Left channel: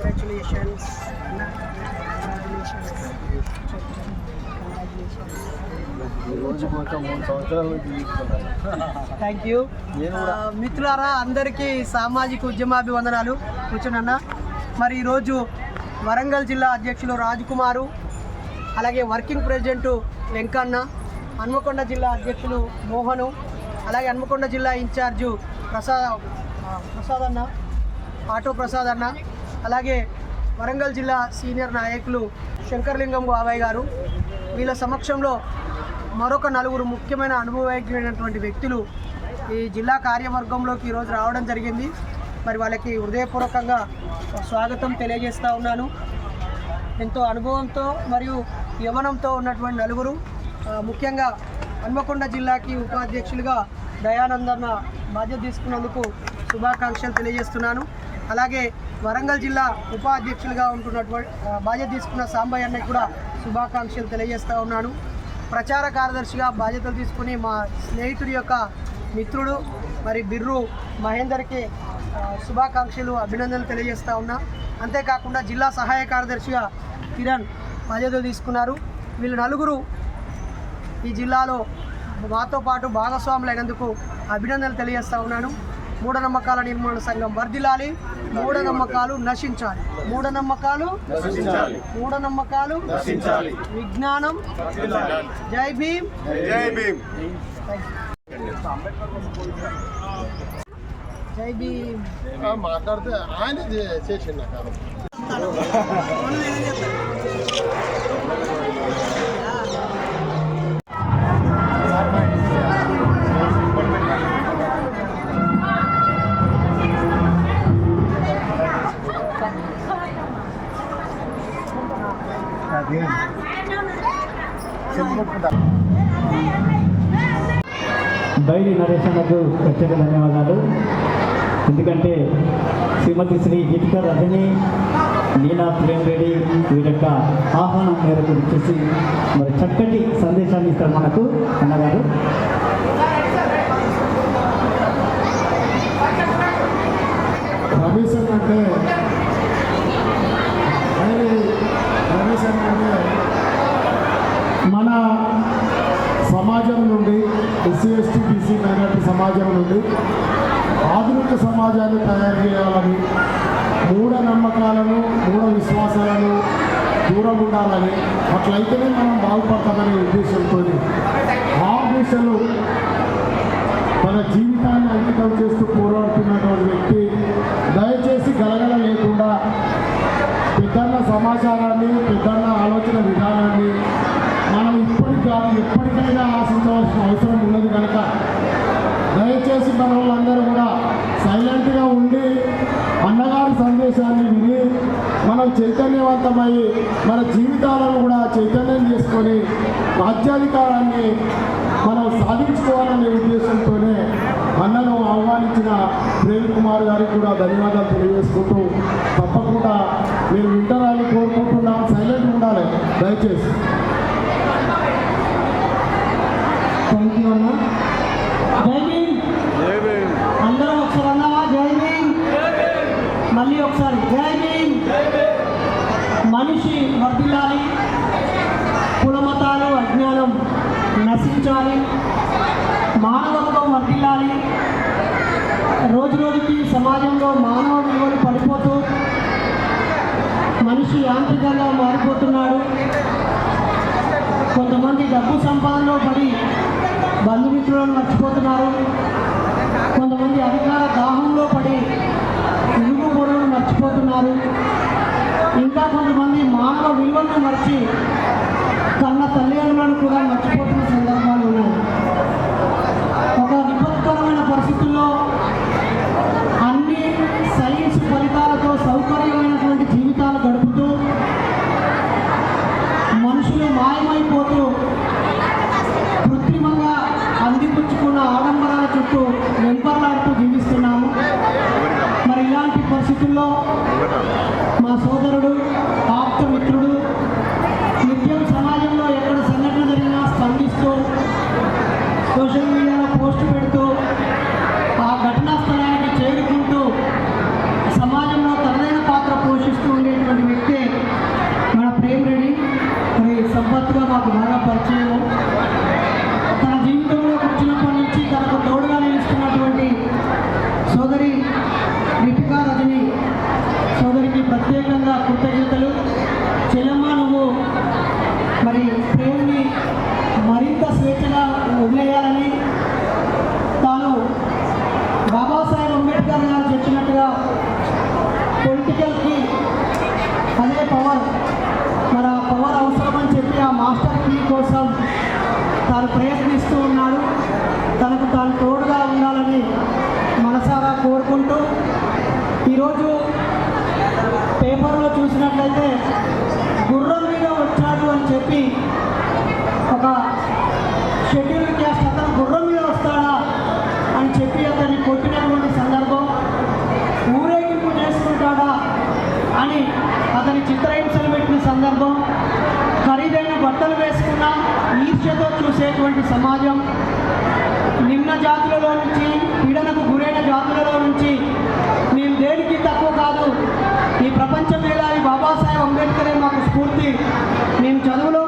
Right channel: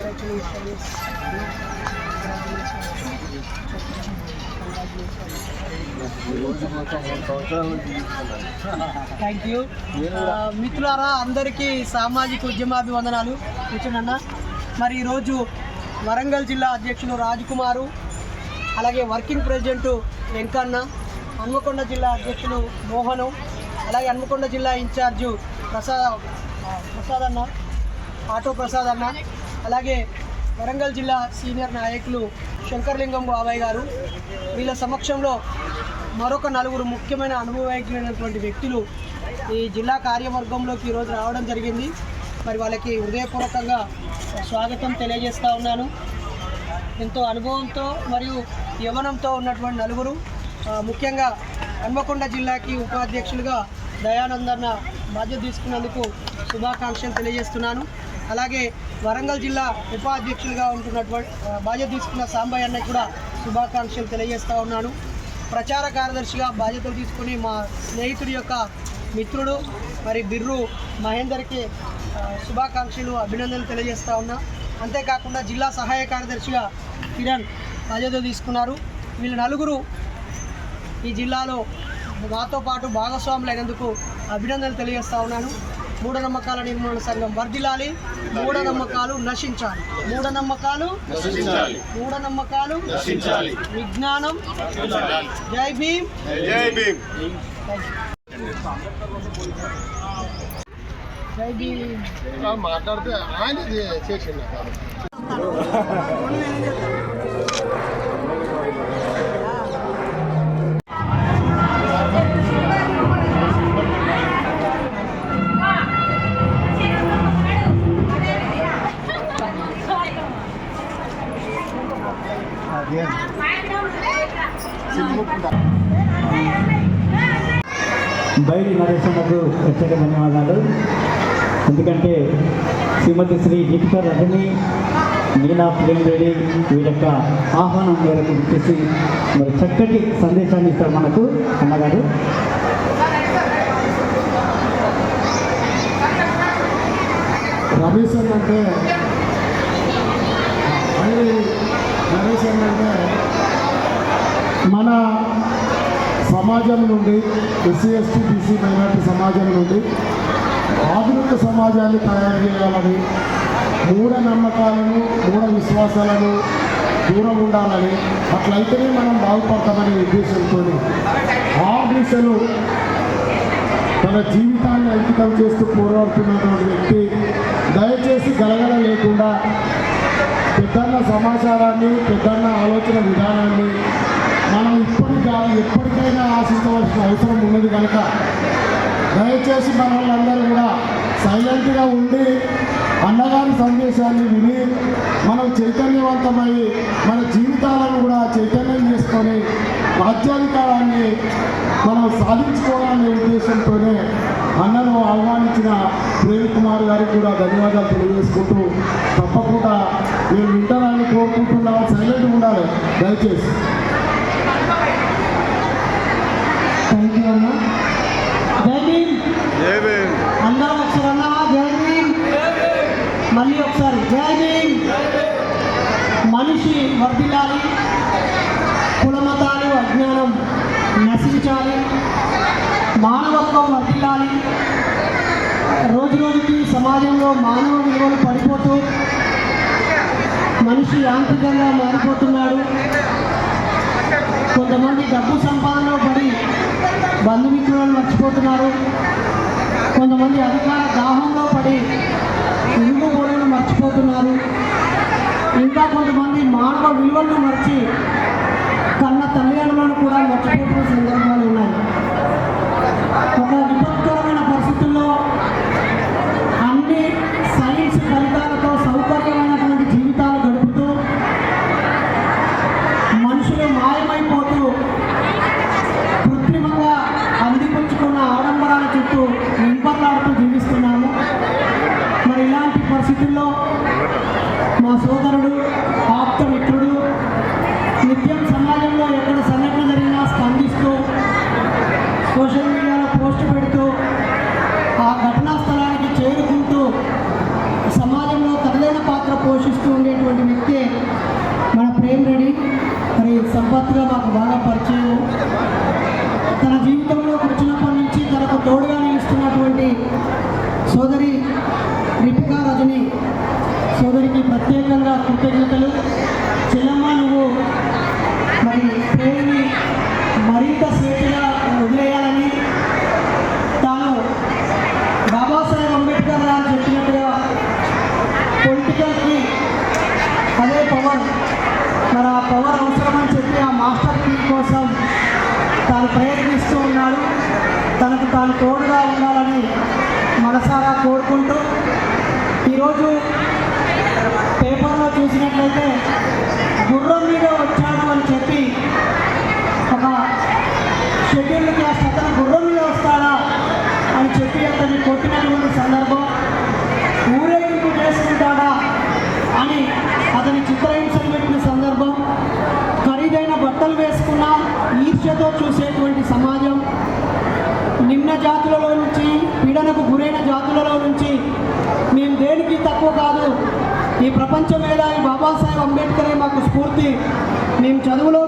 Congratulations thank you. మిత్రులారా అందరికీ సామాజిక ఉద్యమాభివందనాలు. కూర్చునన్న మరి ఈరోజు వరంగల్ జిల్లా అధ్యక్షులు రాజ్కుమారు అలాగే వర్కింగ్ ప్రెసిడెంట్ వెంకన్న హన్మకొండ జిల్లా అధ్యక్షులు మోహను అలాగే హన్మకొండ జిల్లా ఇన్ఛార్జు ప్రసాద్ ప్రసాద్ అన్న ఆటో ప్రసాద్ అన్న అలాగే వరంగల్ జిల్లా సీనియర్ నాయకులు శంకర్లింగం బాబాయ్ గారు వీళ్ళ సమక్షంలో మరొక నలుగురు ముఖ్యమైన అనుభవజ్ఞులైనటువంటి వ్యక్తులు ఈ జిల్లా కార్యవర్గంలోకి ఈరోజు రావడం జరిగింది. మరి వాళ్ళకి హృదయపూర్వకంగా స్వాగతం తెలియజేస్తూ ఉన్నాను. ఎంతో అనుభవంతో మరియు యవనంతో ఉన్నటువంటి నలుగురు ముఖ్యంగా హన్మకొండ జిల్లాకి ఉపాధ్యక్షులుగా దయానందన్న బాధ్యత తీసుకున్నందుకు శుభాకాంక్షలు తెలియజేస్తున్నాను. అలాగే వరంగల్ జిల్లా ఉపాధ్యక్షులుగా ఉంటున్నటువంటి బాధ్యత తీసుకున్న సాంబయ్య అన్నకి కూడా శుభాకాంక్షలు తెలియజేస్తూ ఉన్నాను ప్రచార కార్యదర్శిగా బాధ్యతలు తీసుకుని మా స్నేహితుడి యొక్క మిత్రుడు మరి బిర్రు మహేందర్కి శుభాకాంక్షలు అభినందనలు తెలియజేస్తూ ఉన్నా. అంతేకాకుండా జిల్లా సహాయ కార్యదర్శిగా కిరణ్ బాధ్యతలు తీసుకున్నారు. వీళ్ళు నలుగురు ఈ జిల్లాలో మాతో పాటు భాగస్వాములు అయినందుకు అభినందనలు తెలియజేస్తూ ఉన్నాను. మూఢనమ్మకాల నిర్మూలన సంఘం వర్ధిల్లాలి. మూఢనమ్మకాలు నశించాలి. మూఢనమ్మకాలు నశించాలి. మూఢనమ్మకాలు నశించాలి. విజ్ఞానం జై భీమ్. జై భీమ్. జై భీమ్. మాట్లాడితే ఆయన చేసిండు. బయలు నరేశమ్మకు ప్రత్యేక ధన్యవాదాలు. ఎందుకంటే శ్రీమతి శ్రీ గీతికర్ రజని నీనా ప్రేమ్ రెడ్డి వీరి యొక్క ఆహ్వానం మేరకు వచ్చేసి మరి చక్కటి సందేశాన్ని ఇస్తారు మనకు అన్నగారు. తన జీవితాన్ని అంకితం చేస్తూ పోరాడుతున్న నశించాలి మానవత్వం వర్ధిల్లాలి. రోజు రోజుకి సమాజంలో మానవ విలువలు పడిపోతూ మనిషి యాంత్రికంగా మారిపోతున్నాడు. కొంతమంది డబ్బు సంపాదనలో పడి బంధుమిత్రులను మేము చదువులో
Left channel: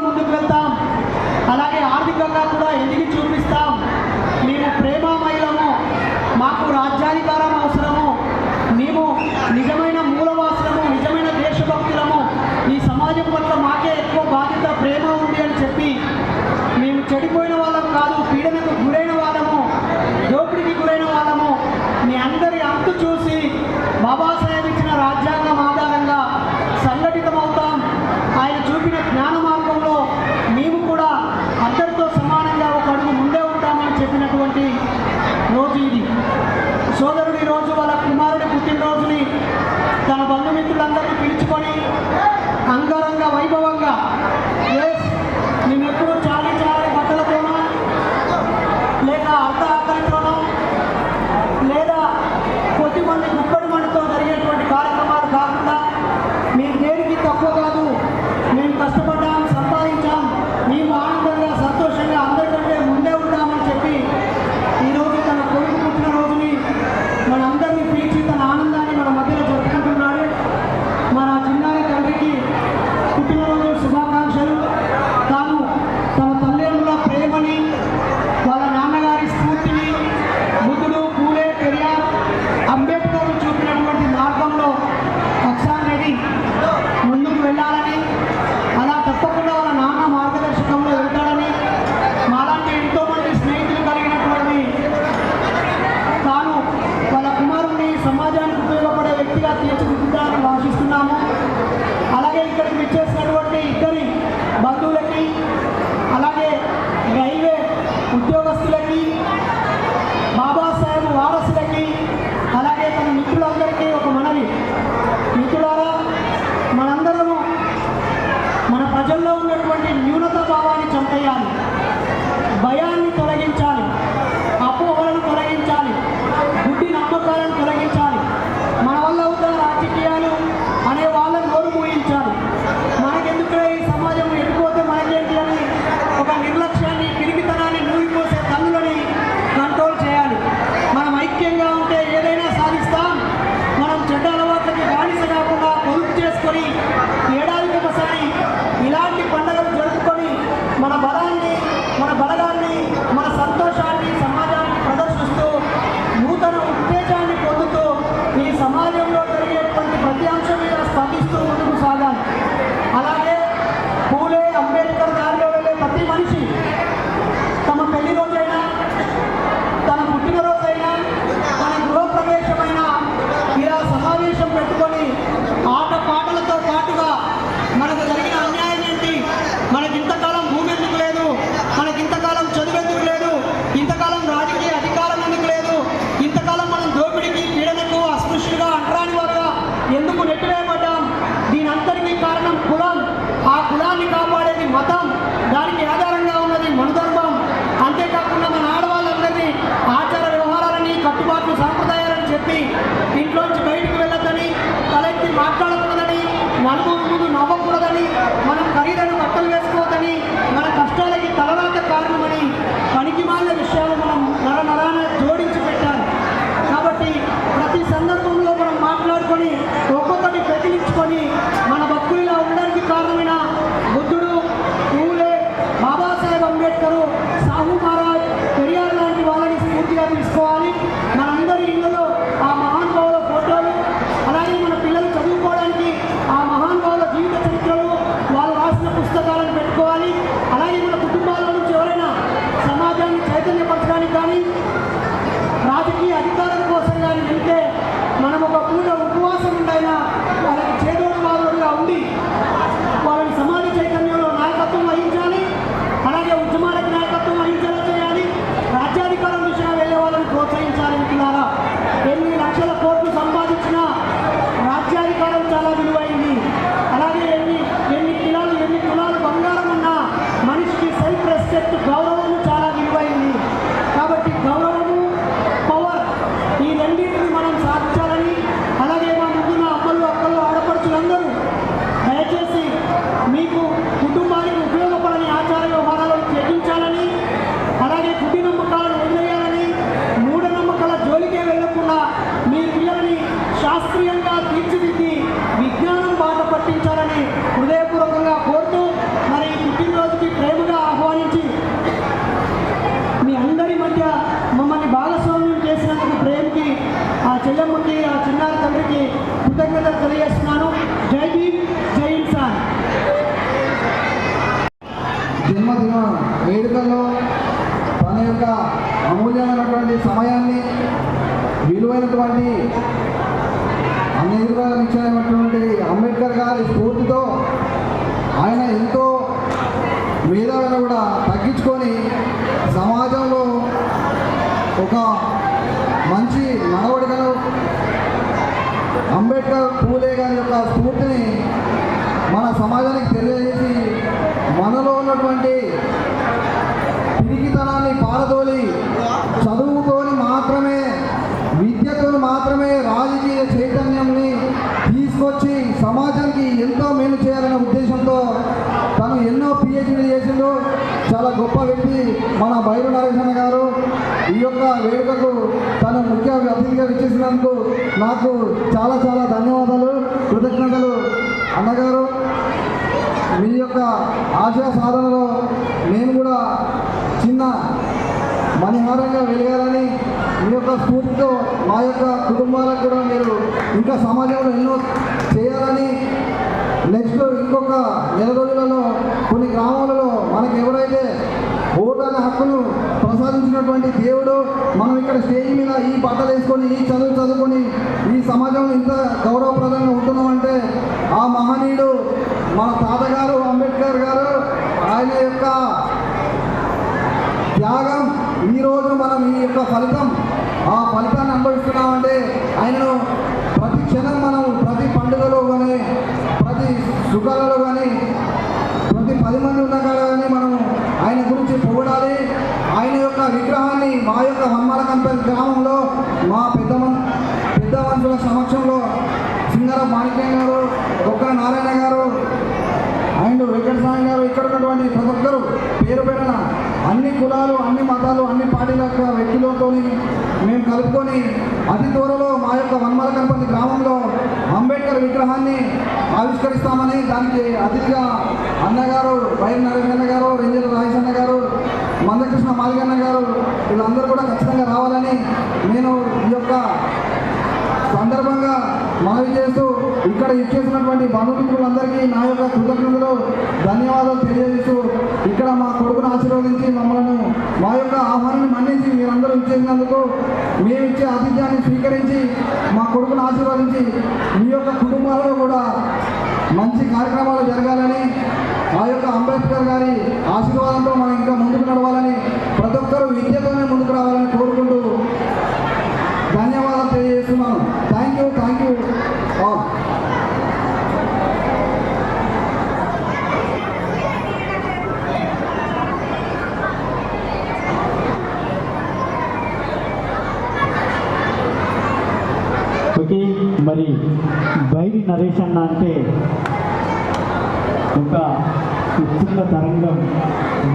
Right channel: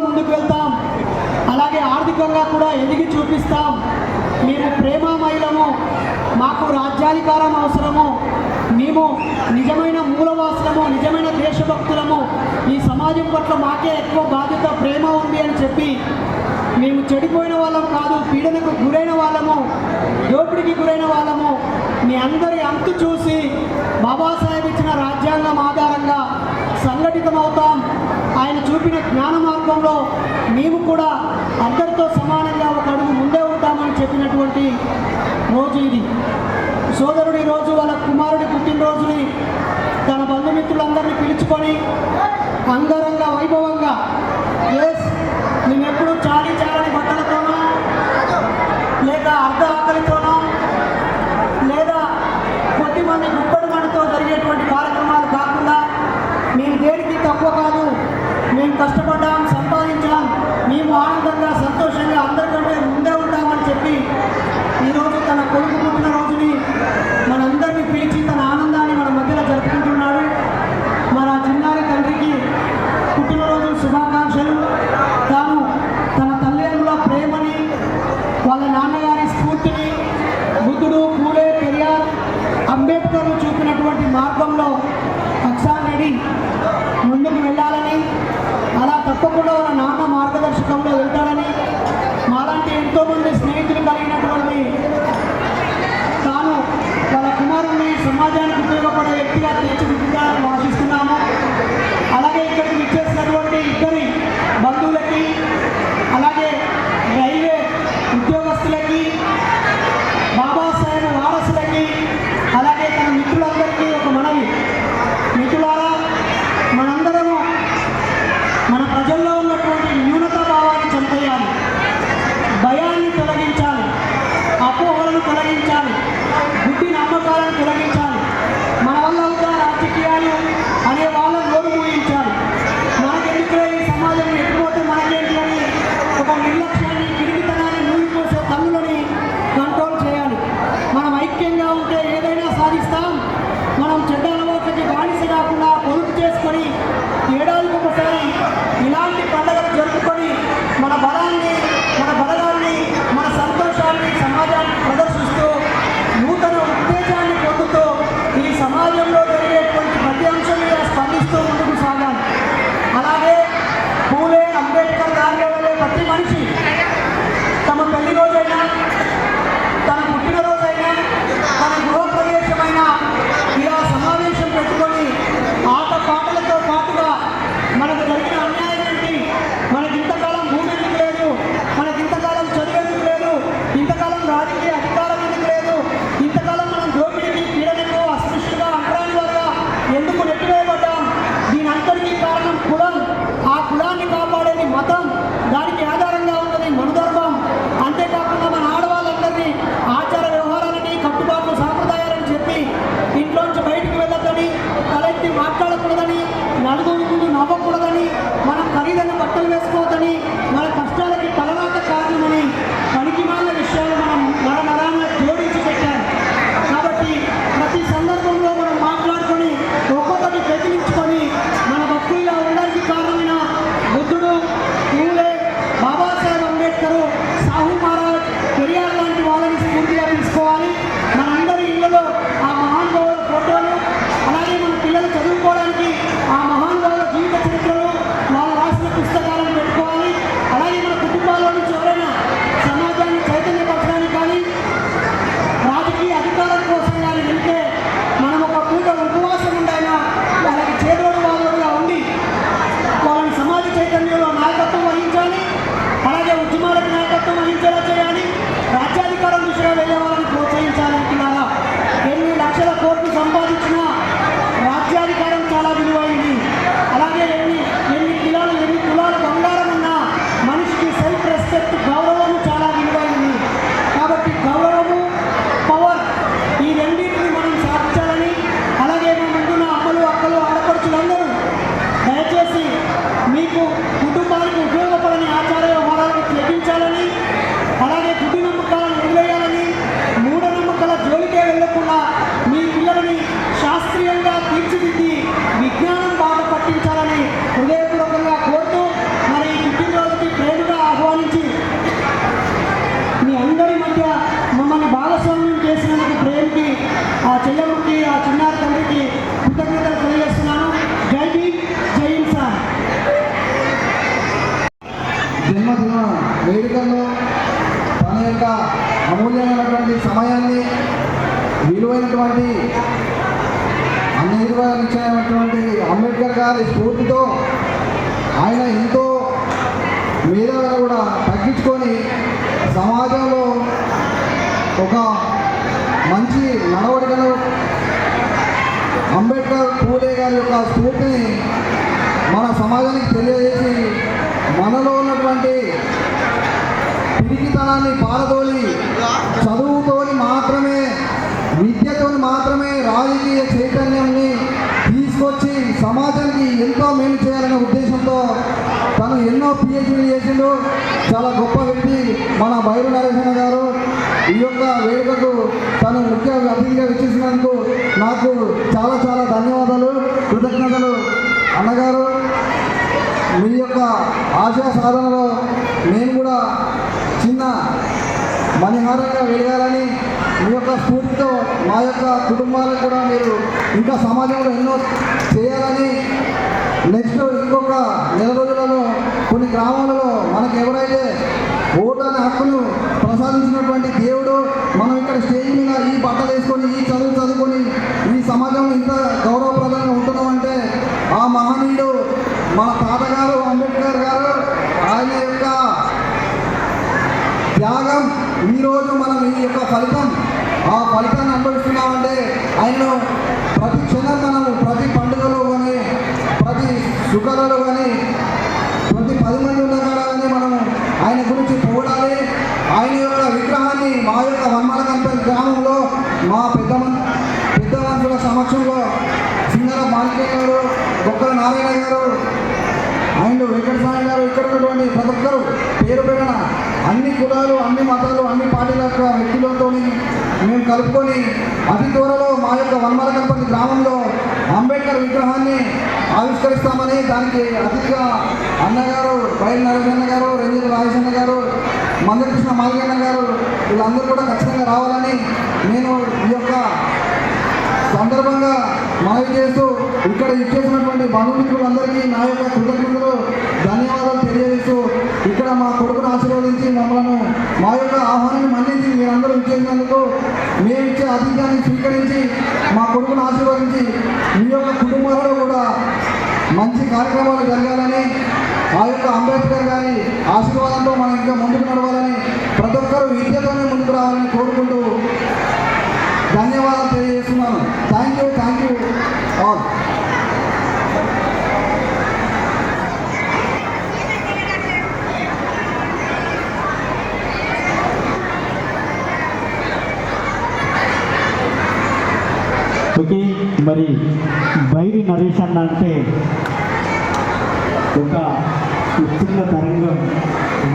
వేదికల్లో తన యొక్క అమూల్యమైనటువంటి సమయాన్ని విలువైనటువంటి అన్ని ఇచ్చినటువంటి అంబేద్కర్ గారి స్ఫూర్తితో ఆయన ఎంతో ఇంకా సమాజంలో ఎన్నో చేయాలని నెక్స్ట్ ఇంకొక నెల రోజులు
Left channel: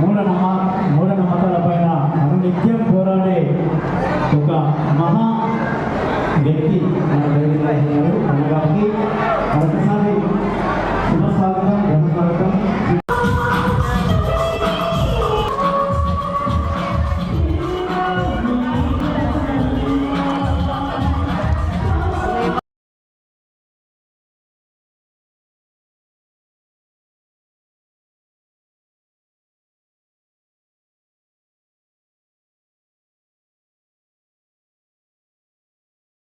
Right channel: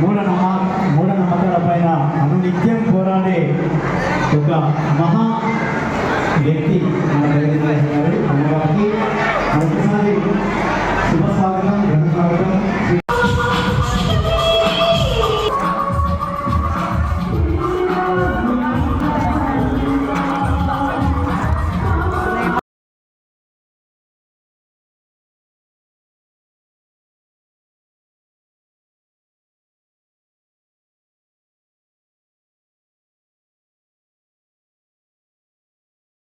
మూఢనమ్మ మూఢనమ్మకాల పైన అనునిత్యం పోరాడే ఒక మహా